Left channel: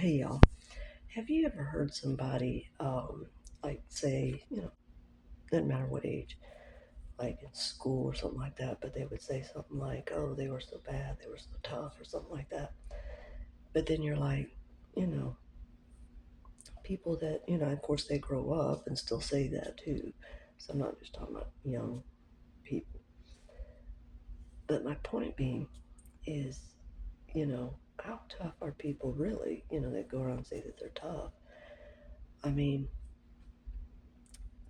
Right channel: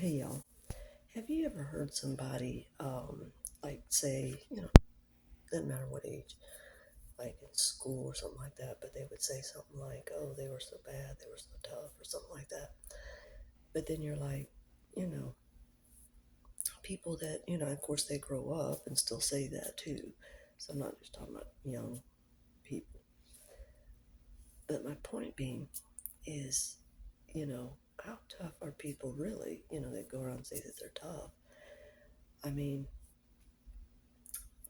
Hey y'all, have you ever heard somebody, like say, doesn't matter what age, like in school or something like that, but they would say something like, oh, they were so bad, they were so tough, or something like that. But then you're like, you know, people that, of course they grow up and still say that too. So I'm not just talking about young people. But my point being is, how tough are people really, that go around and say that they're tough? I mean,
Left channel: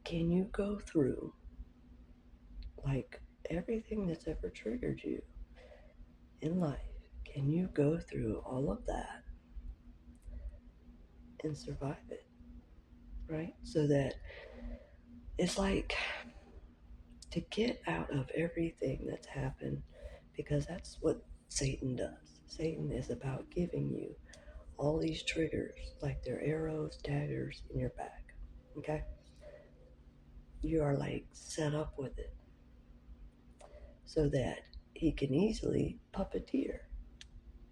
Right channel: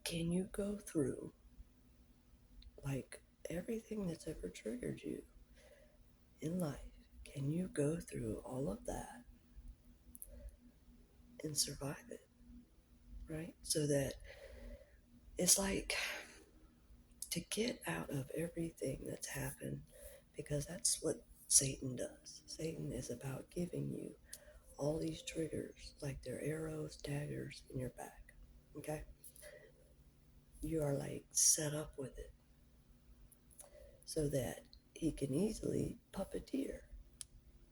can you go through like everything that's ever triggered you in life? Can you go through all of that and survive it? Right? So that it's like to get out of everything that's happened, because that's what Satan does. Satan is about giving you all these triggers, like they're arrows, daggers in your back. Okay? You are like set up with it so that he can easily puppeteer.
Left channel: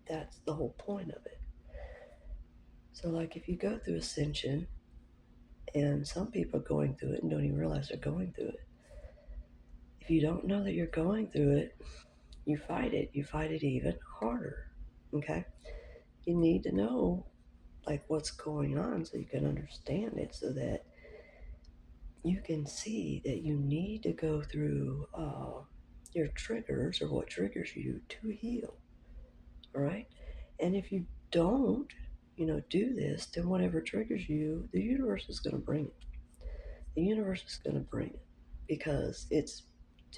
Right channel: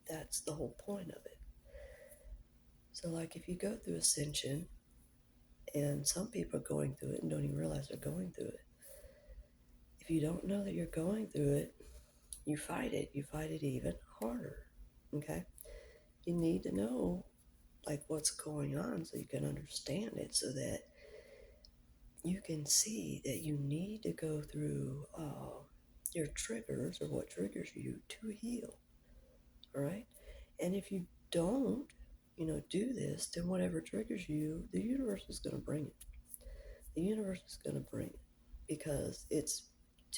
That's the whole point of it. So, like, if you go through ascension, and some people are going through it and don't even realize they're going through it. If you don't know that you're going through it, you fight it. You fight it even harder. Okay? You need to know, like, what's going on so you can understand it, so that you can see that you need to go through your triggers, or what triggers you, to heal. All right? And if you don't, do this, then whatever triggers you, the universe is going to bring it. The universe is going to bring it because it's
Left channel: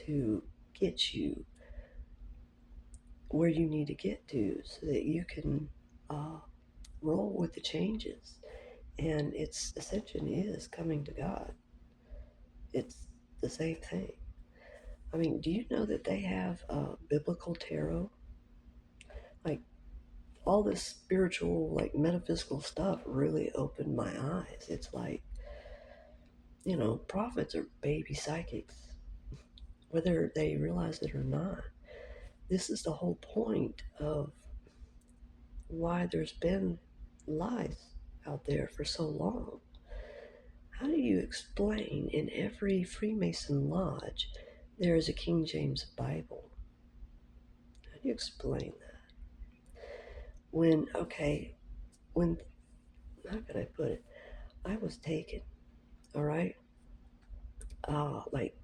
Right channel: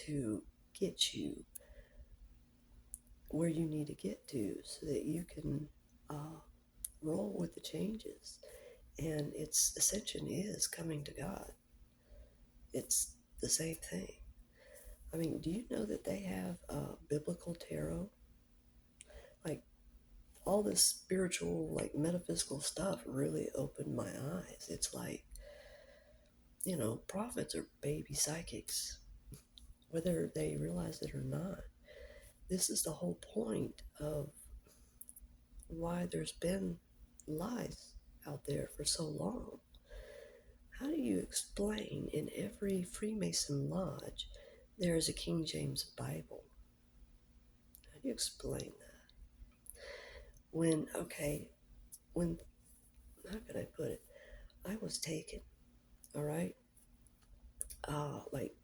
to get you where you need to get to so that you can uh, roll with the changes. And its ascension is coming to God. It's the same thing. I mean, do you know that they have biblical tarot? Like, all this spiritual, like metaphysical stuff really opened my eyes. It's like, prophets are baby psychics, whether they realize it or not. This is the whole point of why there's been lies out there for so long. How do you explain in every Freemason lodge there is a King James Bible? How do you explain that? When, how can I put it? I was taken, all right? Like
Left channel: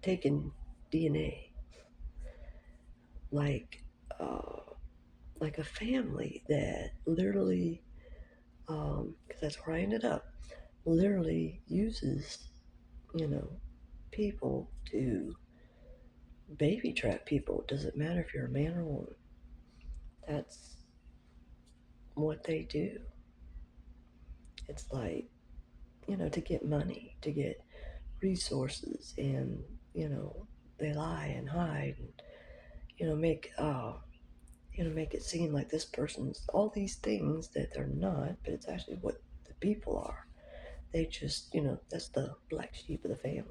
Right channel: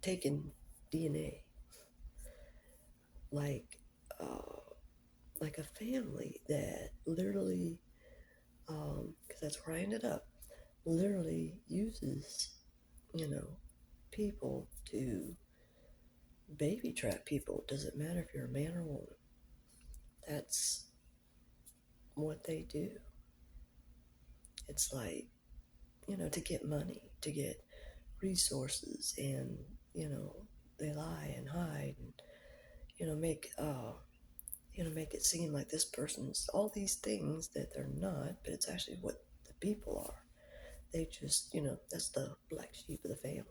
taking DNA, like, uh, like a family that literally, because that's where I ended up, literally uses, you know, people to baby trap people. It doesn't matter if you're a man or woman. That's what they do. It's like, to get money, to get resources, and, they lie and hide and, make it seem like this person's all these things that they're not, but it's actually what the people are. They just, that's the black sheep of the family,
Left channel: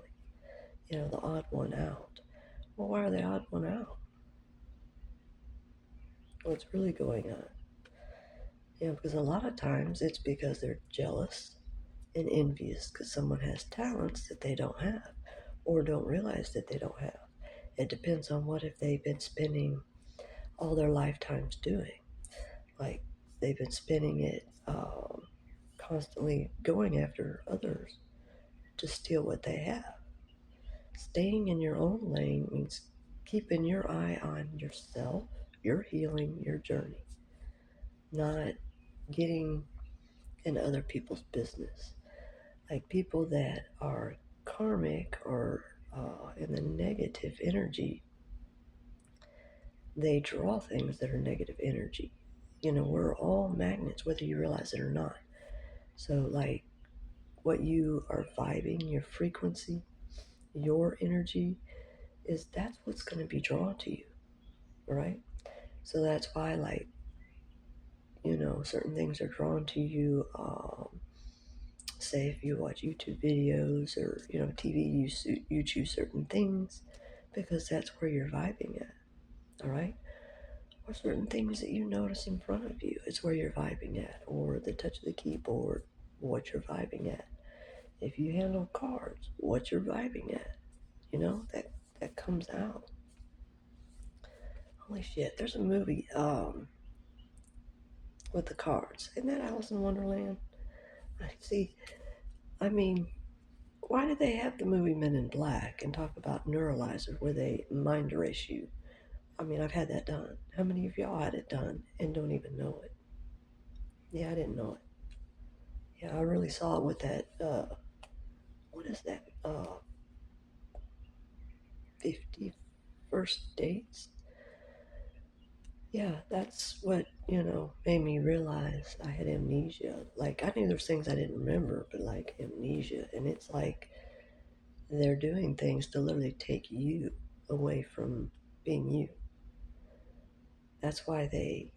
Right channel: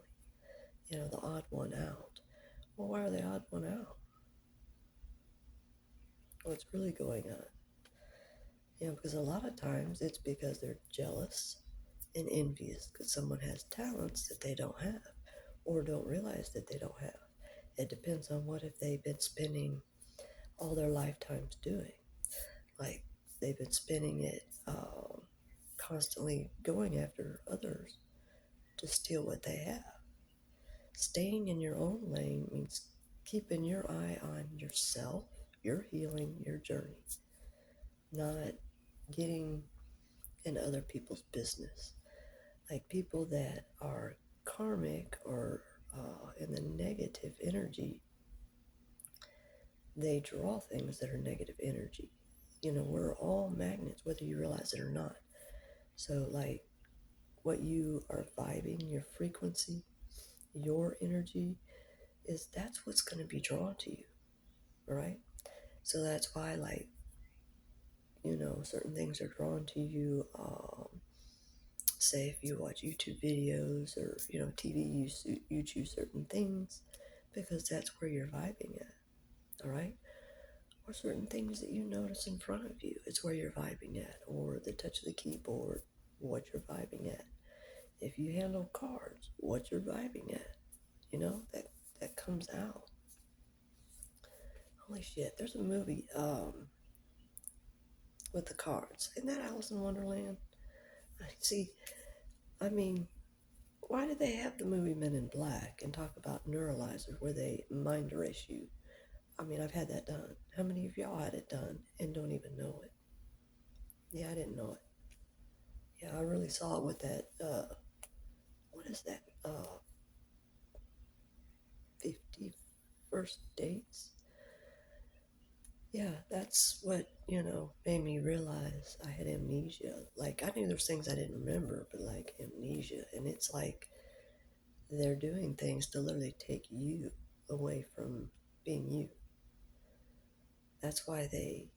the odd one out. Well, why are they odd one out? What's really going on? Because a lot of times it's because they're jealous and envious because someone has talents that they don't have, or don't realize that they don't have. It depends on what if they've been spending all their lifetimes doing. Like, they've been spending it constantly going after others to steal what they have. Staying in your own lane means keeping your eye on yourself, your healing, your journey, not getting in other people's business. Like, people that are karmic or in the negative energy, they draw things that are negative energy. We're all magnets, whether you realize it or not. So, like, what you are vibing, your frequency, your energy, that's what's going to be drawn to you, right? So that's why, like, certain things are drawn to you. Say if you watch YouTube videos or, TV, you choose certain things because that's where you're vibing at, all right? or certain things that you notice in front of you. It's where you're vibing at, or the touch of the keyboard, what you're vibing at. If you handle cards, what you're vibing at. You know, that comes out. Holy shit, there's a movie with the cards. Isn't that Alice in Wonderland? I see. I mean, why did they have the movie Men in Black and talk about neuralizers where they mind erase you? I mean, I've had that done. How many of y'all had it done and don't even know it? Yeah, I didn't know it. Yeah, I really saw it with that. What is that? 50 First Dates. Yeah, that's what, made me realize I had amnesia. Like, I knew there's things I didn't remember, but like amnesia. And it's like they're doing things to literally take you away from being you. That's why they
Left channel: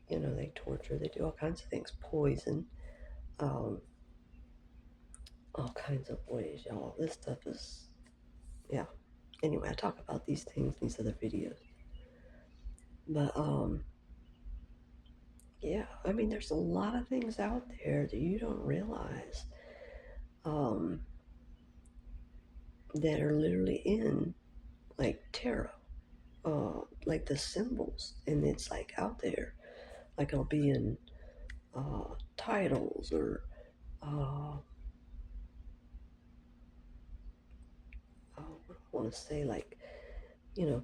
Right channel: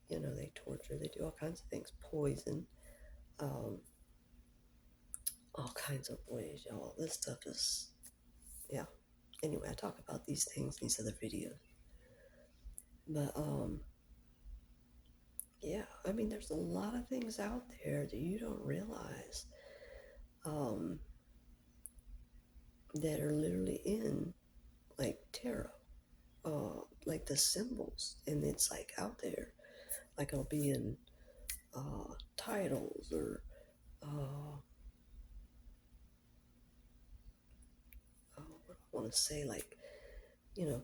torture, they do all kinds of things, poison, um, all kinds of ways, y'all. This stuff is, yeah. Anyway, I talk about these things in these other videos. But, yeah, I mean, there's a lot of things out there that you don't realize um, that are literally in, like, tarot, like the symbols, and it's, like, out there. Like, it'll be in titles or what do I want to say, like,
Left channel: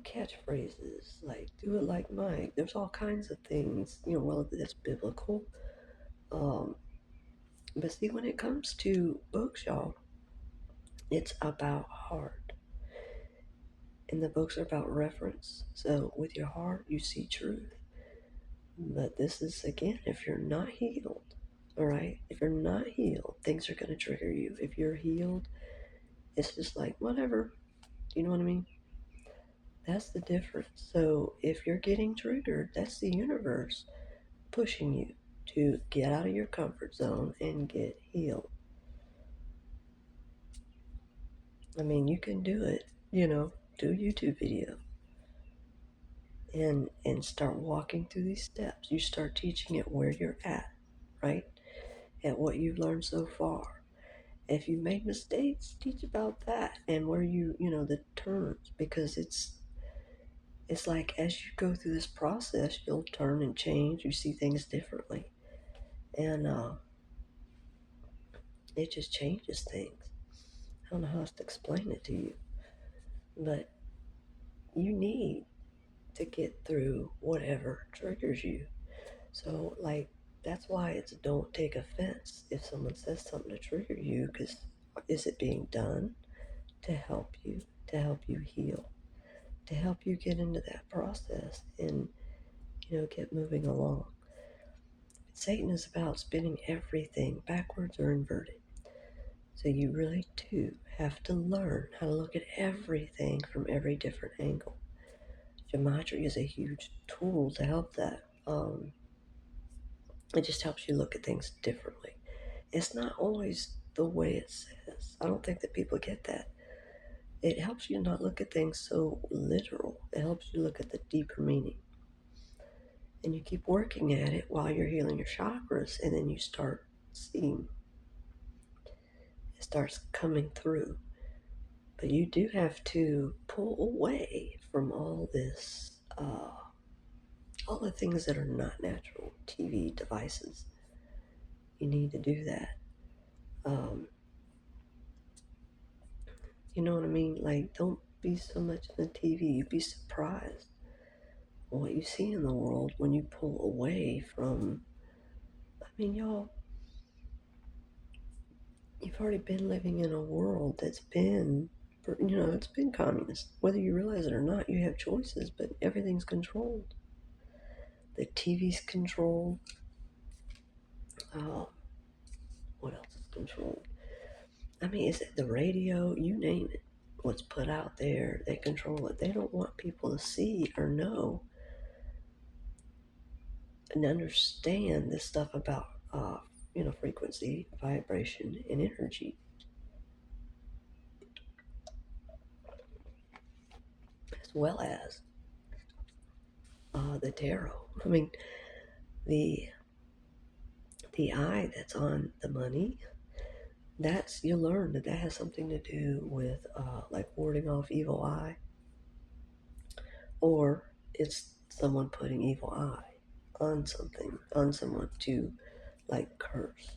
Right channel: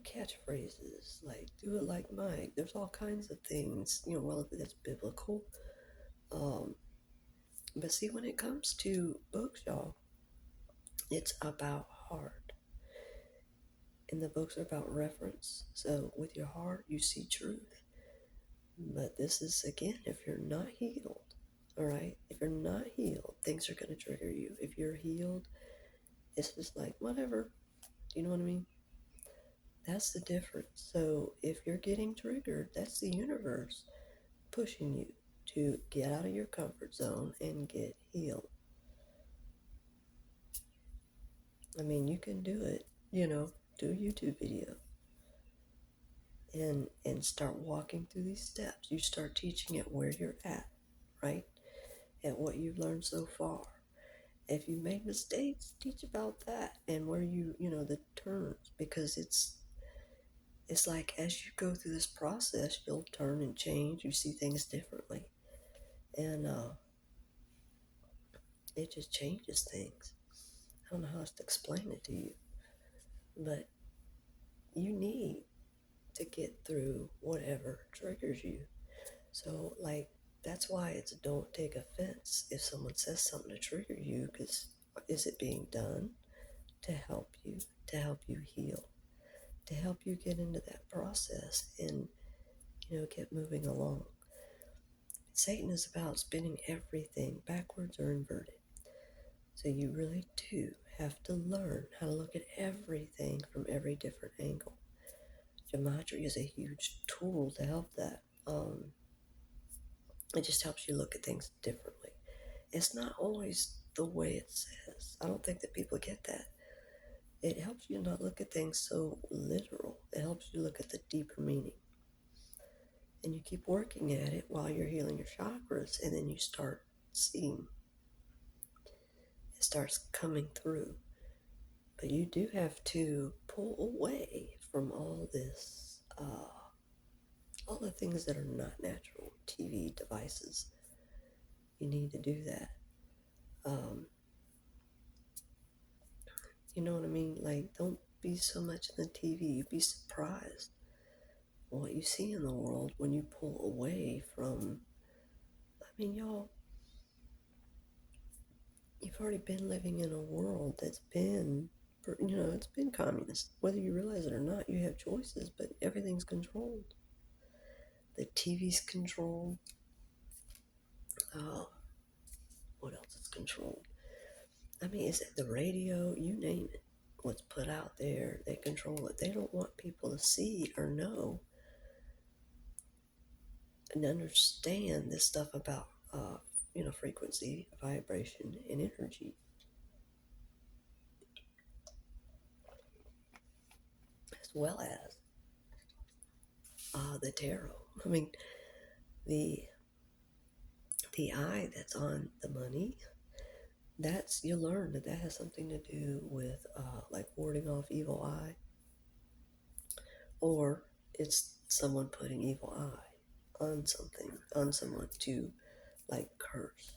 catchphrases, like "do it like Mike." There's all kinds of things, well, that's biblical. Um, but see, when it comes to books, y'all, it's about heart, and the books are about reference. So with your heart, you see truth. But this is again, if you're not healed, all right. If you're not healed, things are going to trigger you. If you're healed, it's just like whatever. You know what I mean? That's the difference. So if you're getting triggered, that's the universe pushing you to get out of your comfort zone and get healed. I mean, you can do it, do a YouTube video and start walking through these steps. You start teaching it where you're at, right? At what you've learned so far. If you made mistakes, teach about that and where the turns, because it's like as you go through this process, you'll turn and change. You see things differently. And it just changes things. I don't know how else to explain it to you, but you need to get through whatever triggers you. So, like, that's why it's don't take offense if someone says something to trigger you, because is it being done to help you heal, to help you get into that process and, get moving along. Satan is about spinning everything backwards or inverted. So you really do have to learn how to look at everything from every different angle. Gematria is a huge tool to help that. It just helps you look at things differently. It's not always the way it says. I don't think that people get that. It helps you not look at things so literal. It helps you look at the deeper meaning. And you keep working at it while you're healing your chakras, and then you start seeing it starts coming through. But you do have to pull away from all this, all the things that are not natural, TV devices. You need to do that. You know what I mean? Like, don't be so much in the TV. You'd be surprised what you see in the world when you pull away from. I mean, y'all, you've already been living in a world that's been, it's been communist. Whether you realize it or not, you have choices, but everything's controlled. The TV's controlled. What else is controlled? I mean, is it the radio? You name it. What's put out there, they control it. They don't want people to see or know and understand this stuff about, frequency, vibration, and energy, as well as the tarot. I mean, the eye that's on the money, that's, you'll learn that that has something to do with like warding off evil eye, or it's someone putting evil eye on something, on someone to like curse.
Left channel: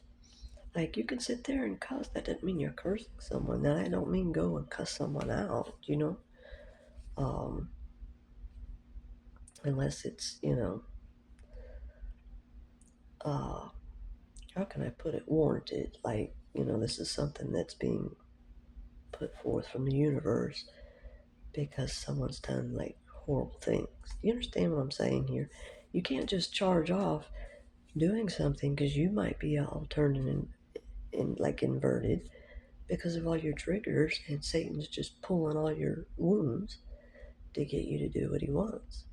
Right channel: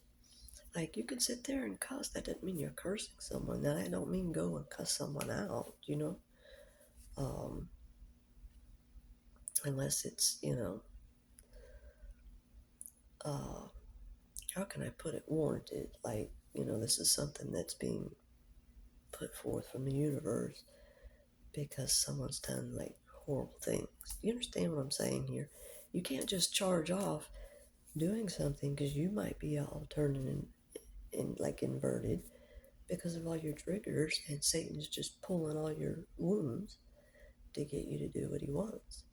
Like, you can sit there and cuss. That doesn't mean you're cursing someone. That I don't mean go and cuss someone out, you know? Um, Unless it's, uh, how can I put it, warranted. Like, this is something that's being put forth from the universe because someone's done like horrible things. You understand what I'm saying here? You can't just charge off doing something because you might be all turned in like inverted because of all your triggers, and Satan's just pulling all your wounds to get you to do what he wants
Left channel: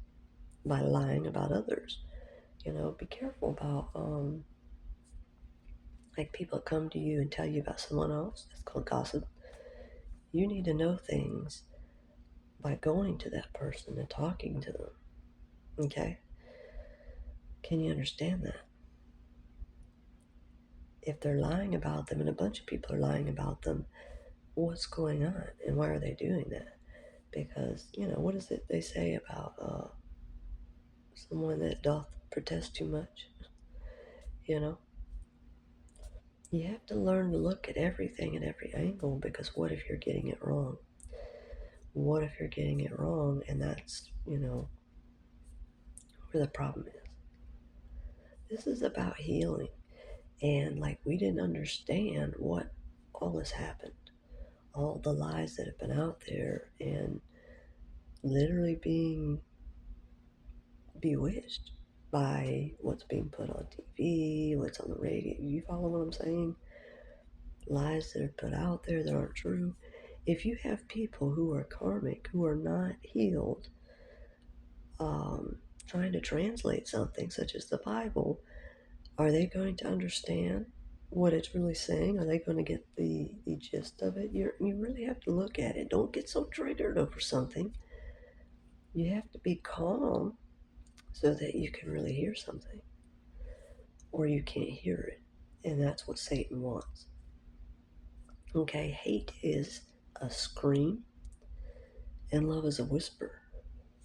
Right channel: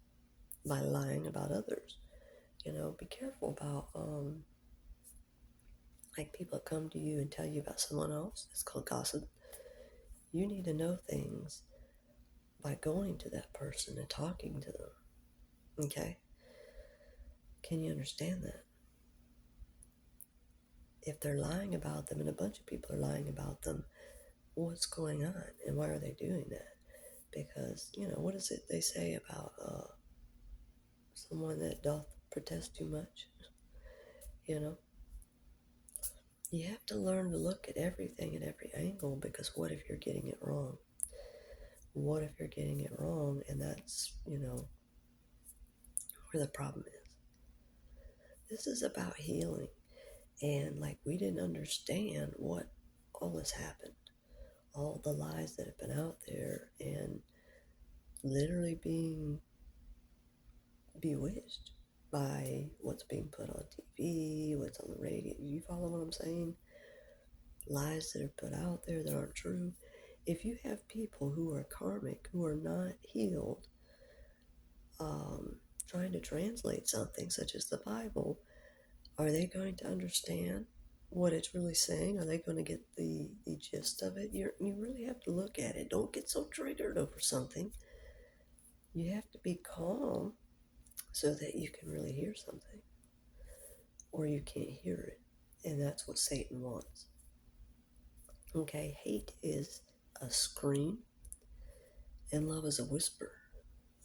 by lying about others. Be careful about like people that come to you and tell you about someone else. It's called gossip. You need to know things by going to that person and talking to them. Okay? Can you understand that? If they're lying about them and a bunch of people are lying about them, what's going on and why are they doing that? Because, what is it they say about someone that doth protest too much? You know, you have to learn to look at everything at every angle, because what if you're getting it wrong? What if you're getting it wrong? And that's, where the problem is. This is about healing. And like, we didn't understand what all this happened, all the lies that have been out there, and literally being bewitched by what's being put on TV, what's on the radio. You follow what I'm saying? Lies that are put out there that aren't true. If you have people who are karmic, who are not healed, trying to translate something such as the Bible, are they going to understand what it's really saying? Are they going to get the gist of it? You really have to look at it. Don't get so triggered over something. You have to be calm so that you can really hear something, or you can't hear it. And that's what Satan wants. Okay, hate is a scream and love is a whisper.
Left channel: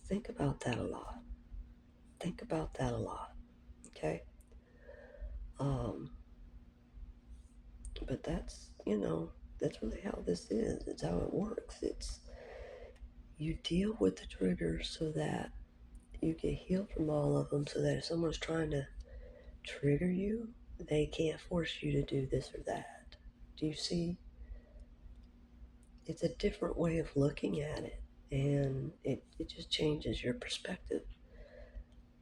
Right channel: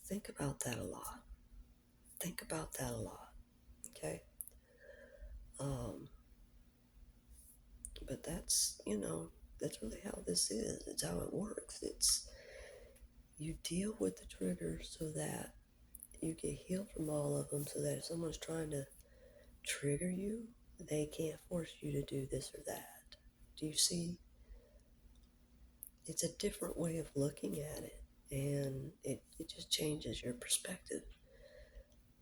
Think about that a lot. Think about that a lot. Okay? But that's really how this is. It's how it works. It's, you deal with the triggers so that you get healed from all of them, so that if someone's trying to trigger you, they can't force you to do this or that. Do you see? It's a different way of looking at it, and it just changes your perspective.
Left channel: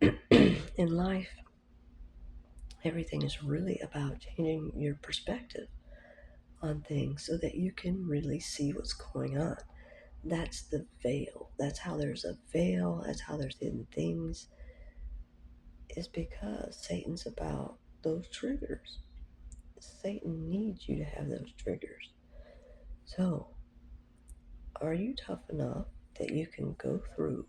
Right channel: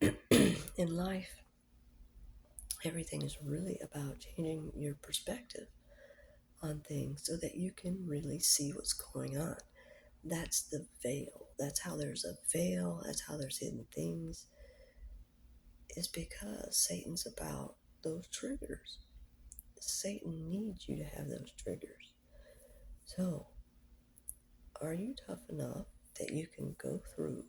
In life, everything is really about changing your perspective on things so that you can really see what's going on. That's the veil. That's how there's a veil. That's how there's hidden things. Is because Satan's about those triggers. Satan needs you to have those triggers. So, are you tough enough that you can go through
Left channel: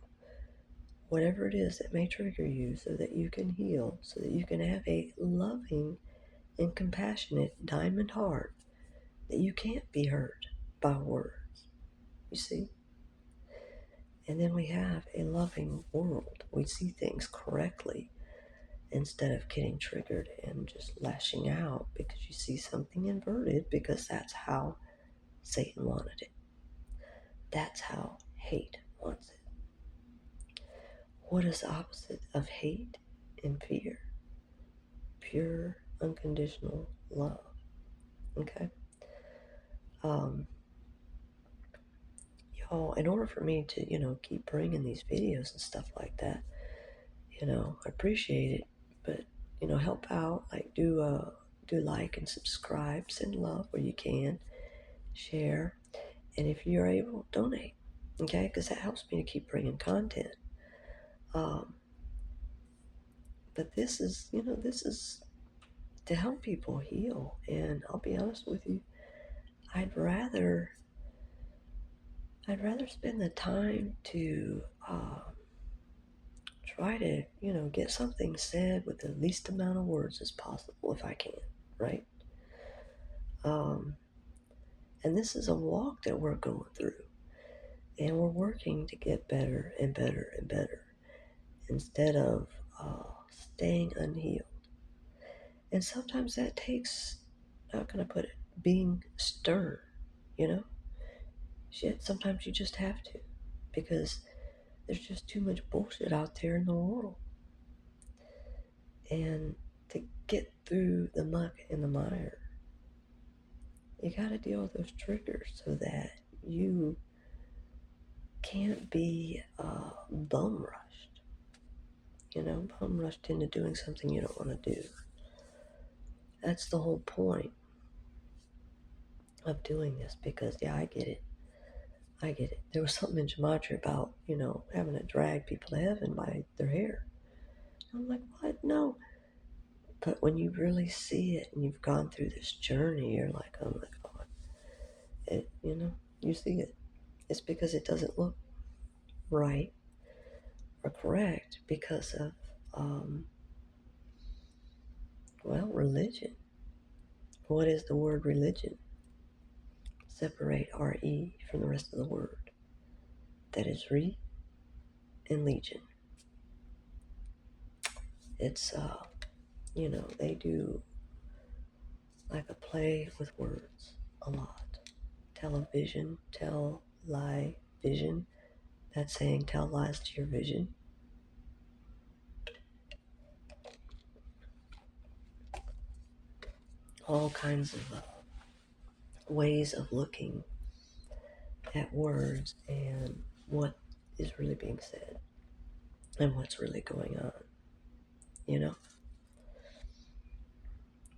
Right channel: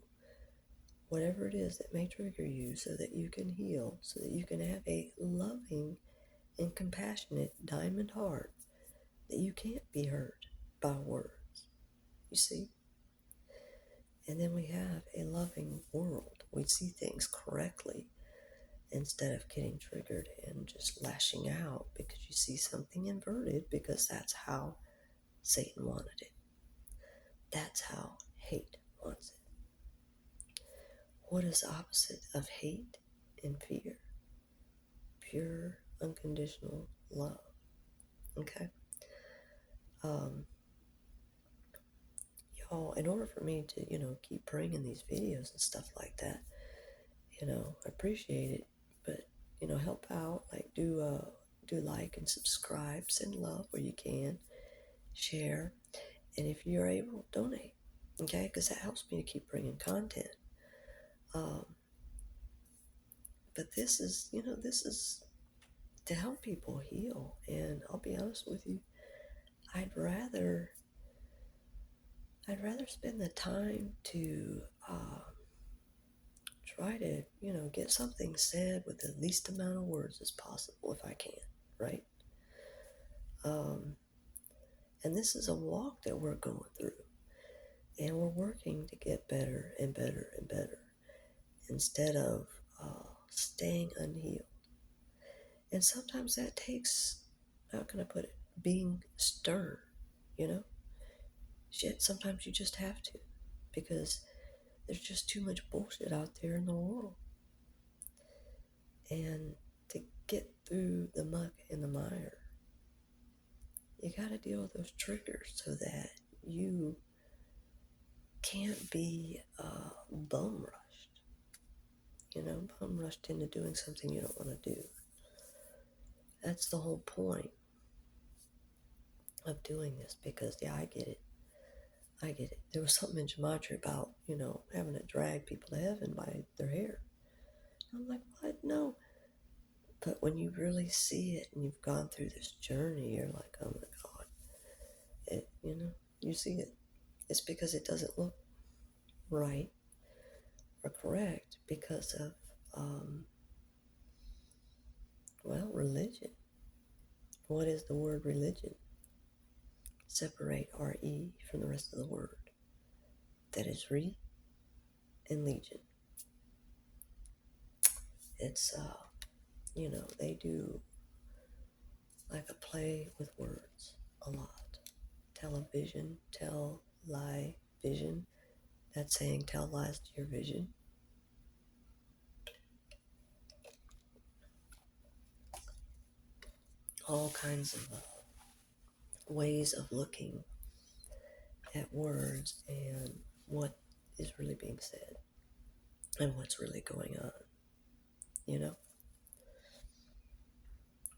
whatever it is that may trigger you so that you can heal, so that you can have a loving and compassionate diamond heart, that you can't be hurt by words? You see? And then we have a loving world. We see things correctly instead of getting triggered and just lashing out because you see something inverted, because that's how Satan wanted it. That's how hate wants it. What is the opposite of hate and fear? Pure, unconditional love. Okay? Y'all, in order for me to, keep bringing these videos and stuff like that, I appreciate it, but, help out, like, do like and subscribe, send love where you can, share, and if you're able, donate, okay, because that helps me to keep bringing content. But this is, this is to help people heal, and I'll be honest with you, I'd rather spend the time to try to, get something said with the least amount of words as possible if I can, right? Um, and this is a walk that we're going through, and we're working to get better and better and better instead of staying unhealed. And sometimes that takes, not gonna put it, being stern, you know? Shit, sometimes you just have to because there's just too much bullshit out there in the world. And to get through the muck and the mire, you gotta deal with those triggers so that you can't be bum rushed. Bum rushed into doing something you don't want to do. That's the whole point of doing this because, yeah, I get it. I get it. There was something in gematria about, having to drag people to heaven by their hair. I'm like, what? No. But when you really see it and you've gone through this journey, you're like, oh my God. You see it. It's because it doesn't look right or correct because of, religion. What is the word religion? Separate R-E from the rest of the word. That is re and legion. It's, they do like a play with words a lot. Television, tell, lie, vision. That's saying tell lies to your vision. All kinds of ways of looking at words and what is really being said and what's really going on.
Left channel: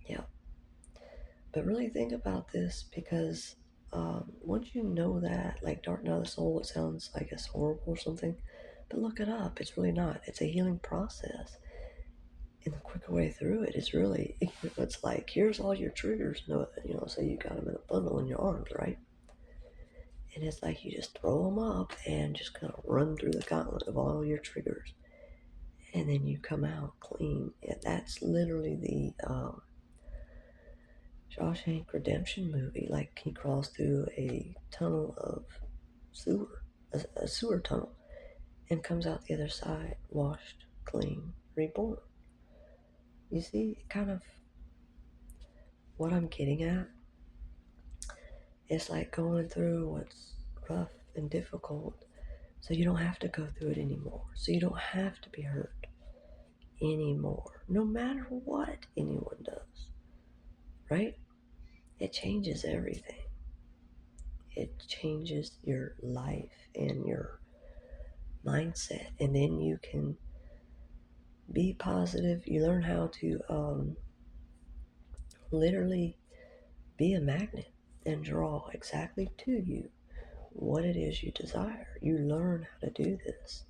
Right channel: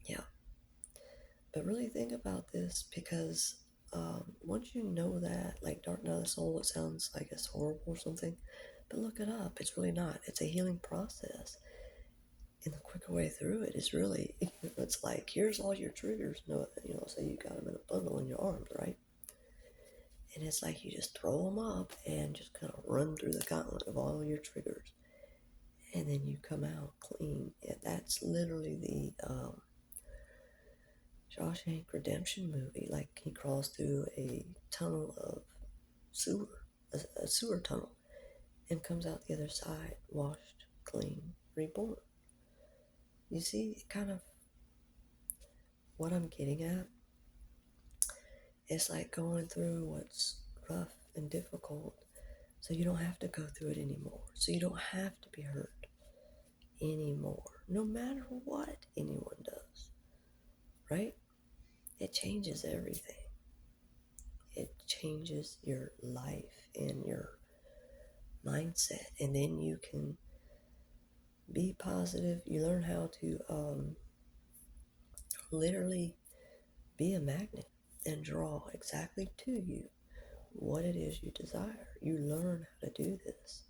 Yeah. But really think about this because once you know that, like dark night of the soul, it sounds, I guess, horrible or something, but look it up. It's really not. It's a healing process. And the quicker way through it is really, it's like, here's all your triggers. Say you got them in a bundle in your arms, right? And it's like you just throw them up and just kind of run through the gauntlet of all your triggers. And then you come out clean. Yeah, that's literally the Shawshank Redemption movie. Like he crawls through a tunnel of sewer, a sewer tunnel, and comes out the other side, washed, clean, reborn. You see, kind of what I'm getting at? It's like going through what's rough and difficult so you don't have to go through it anymore. So you don't have to be hurt anymore, no matter what anyone does, right? It changes everything. It changes your life and your mindset, and then you can be positive. You learn how to literally be a magnet and draw exactly to you what it is you desire. You learn how to do this,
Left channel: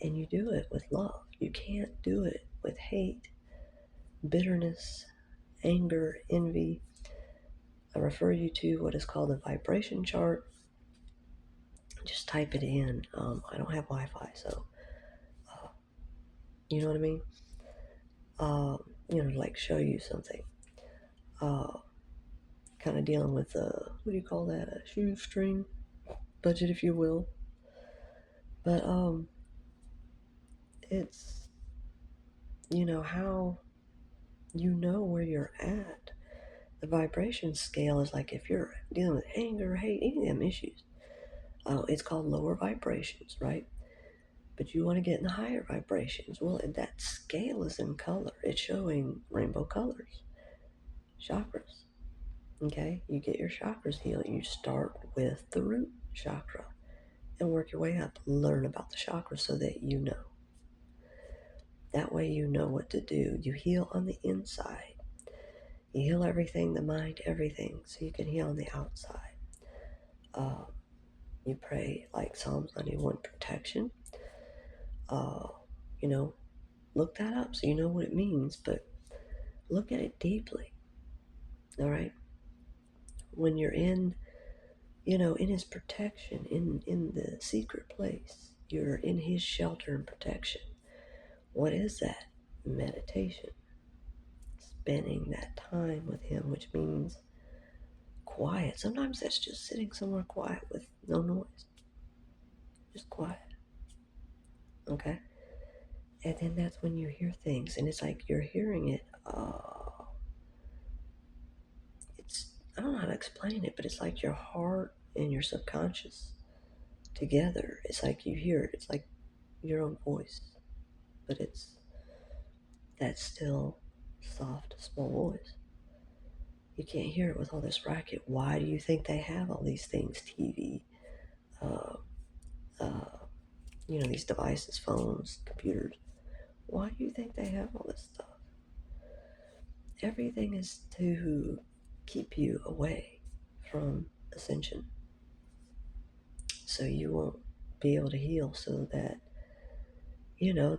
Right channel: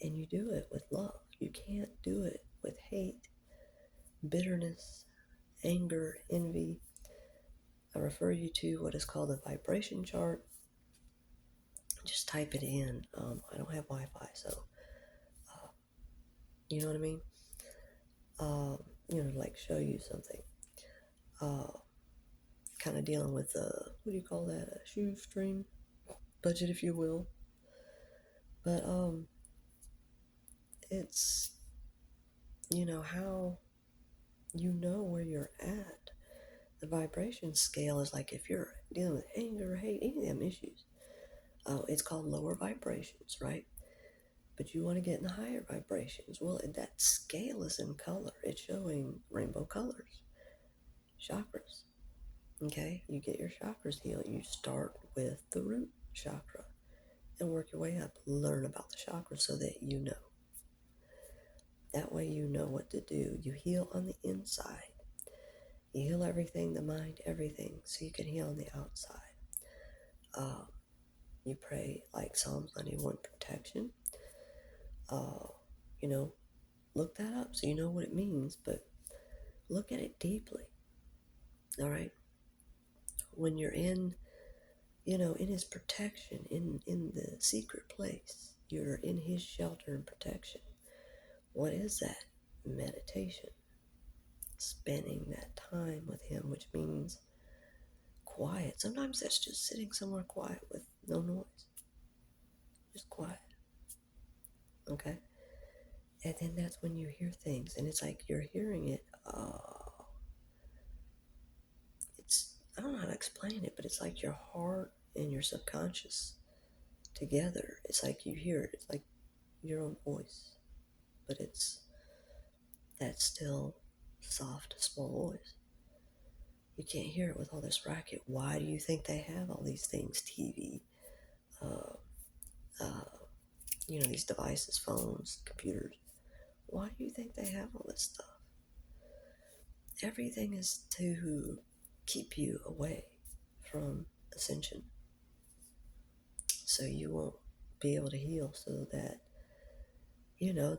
and you do it with love. You can't do it with hate, bitterness, anger, envy. I refer you to what is called the vibration chart. Just type it in. I don't have Wi-Fi, so you know what I mean. Like show you something. Kind of dealing with what do you call that? A shoestring budget, if you will. But it's how where you're at. The vibration scale is like if you're dealing with anger, hate, any of them issues. It's called lower vibrations, right? But you want to get in the higher vibrations. Well, that scale is in color. It's showing rainbow colors, chakras. Okay, you get your chakras healed. You start with the root chakra and work your way up. Learn about the chakras so that you know. That way you know what to do. You heal on the inside. You heal everything, the mind, everything, so you can heal on the outside. You pray like Psalms 91 protection. Look that up so you know what it means, but look at it deeply. All right. When you're in his protection, in the secret place, you're in his shelter and protection. What is that? Meditation. Spending that time with him, which means quiet. Sometimes that's just sitting somewhere quiet with no noise. Just quiet. Okay? And then that's when you hear things, and it's like you're hearing it. I don't know how to explain it, but it's like your heart and your subconscious together. It's like you hear it. It's like your own voice, but it's that still, soft, small voice. You can't hear it with all this racket. Why do you think they have all these things? TV, uh, uh, these devices, phones, computers. Why do you think they have all this stuff? Everything is to keep you away from ascension, so you won't be able to heal, so that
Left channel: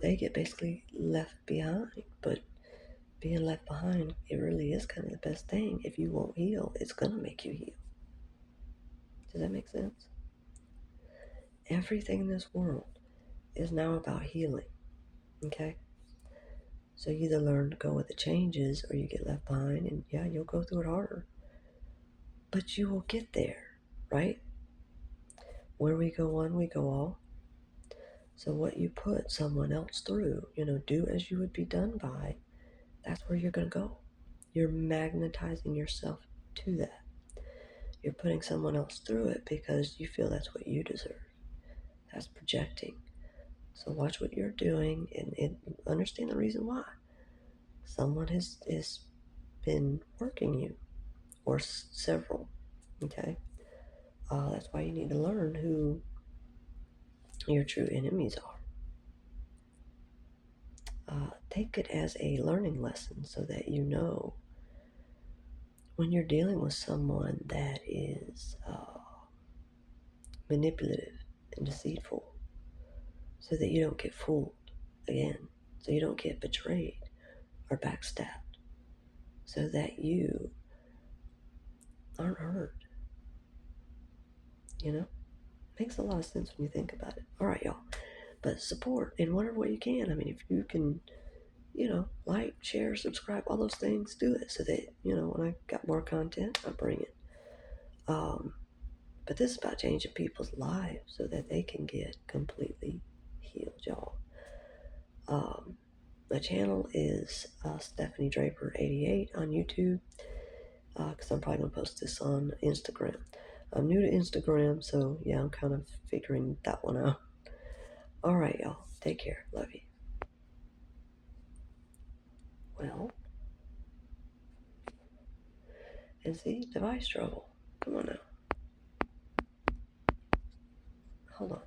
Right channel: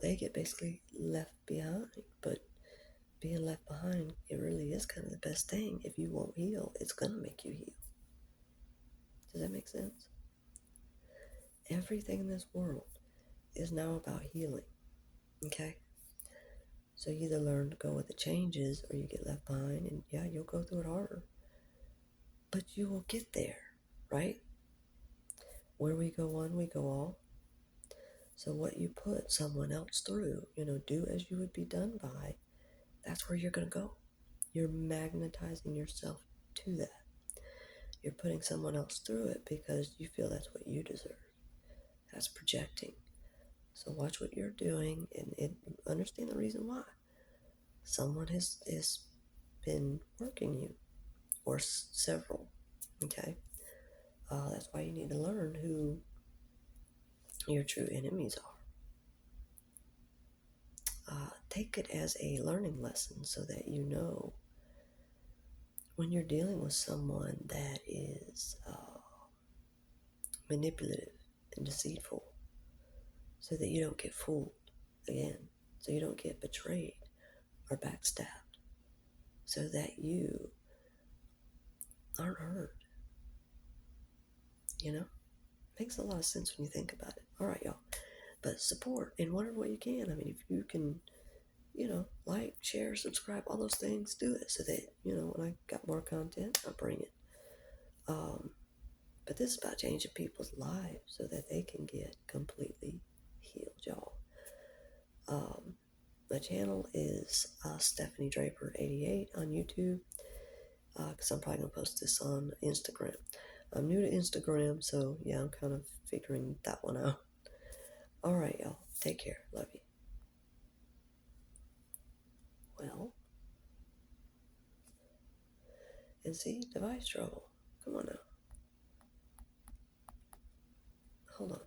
they get basically left behind. But being left behind, it really is kind of the best thing. If you won't heal, it's gonna make you heal. Does that make sense? Everything in this world is now about healing. Okay, so you either learn to go with the changes, or you get left behind, and yeah, you'll go through it harder, but you will get there, right? Where we go one, we go all. So what you put someone else through, do as you would be done by, that's where you're going to go. You're magnetizing yourself to that. You're putting someone else through it because you feel that's what you deserve. That's projecting. So watch what you're doing, and understand the reason why. Someone has been working you, or several. Okay? That's why you need to learn who your true enemies are. Take it as a learning lesson, so that you know when you're dealing with someone that is manipulative and deceitful, so that you don't get fooled again, so you don't get betrayed or backstabbed, so that you aren't hurt. Makes a lot of sense when you think about it. All right, y'all. But support in whatever way you can. I mean, if you can, like, share, subscribe, all those things, do it, so that, when I got more content, I bring it. But this is about changing people's lives so that they can get completely healed, y'all. My channel is Stephanie Draper 88 on YouTube, because I'm probably going to post this on Instagram. I'm new to Instagram, so yeah, I'm kind of figuring that one out. All right, y'all. Take care. Love you. Well, and see, device trouble. Come on now. Hold on.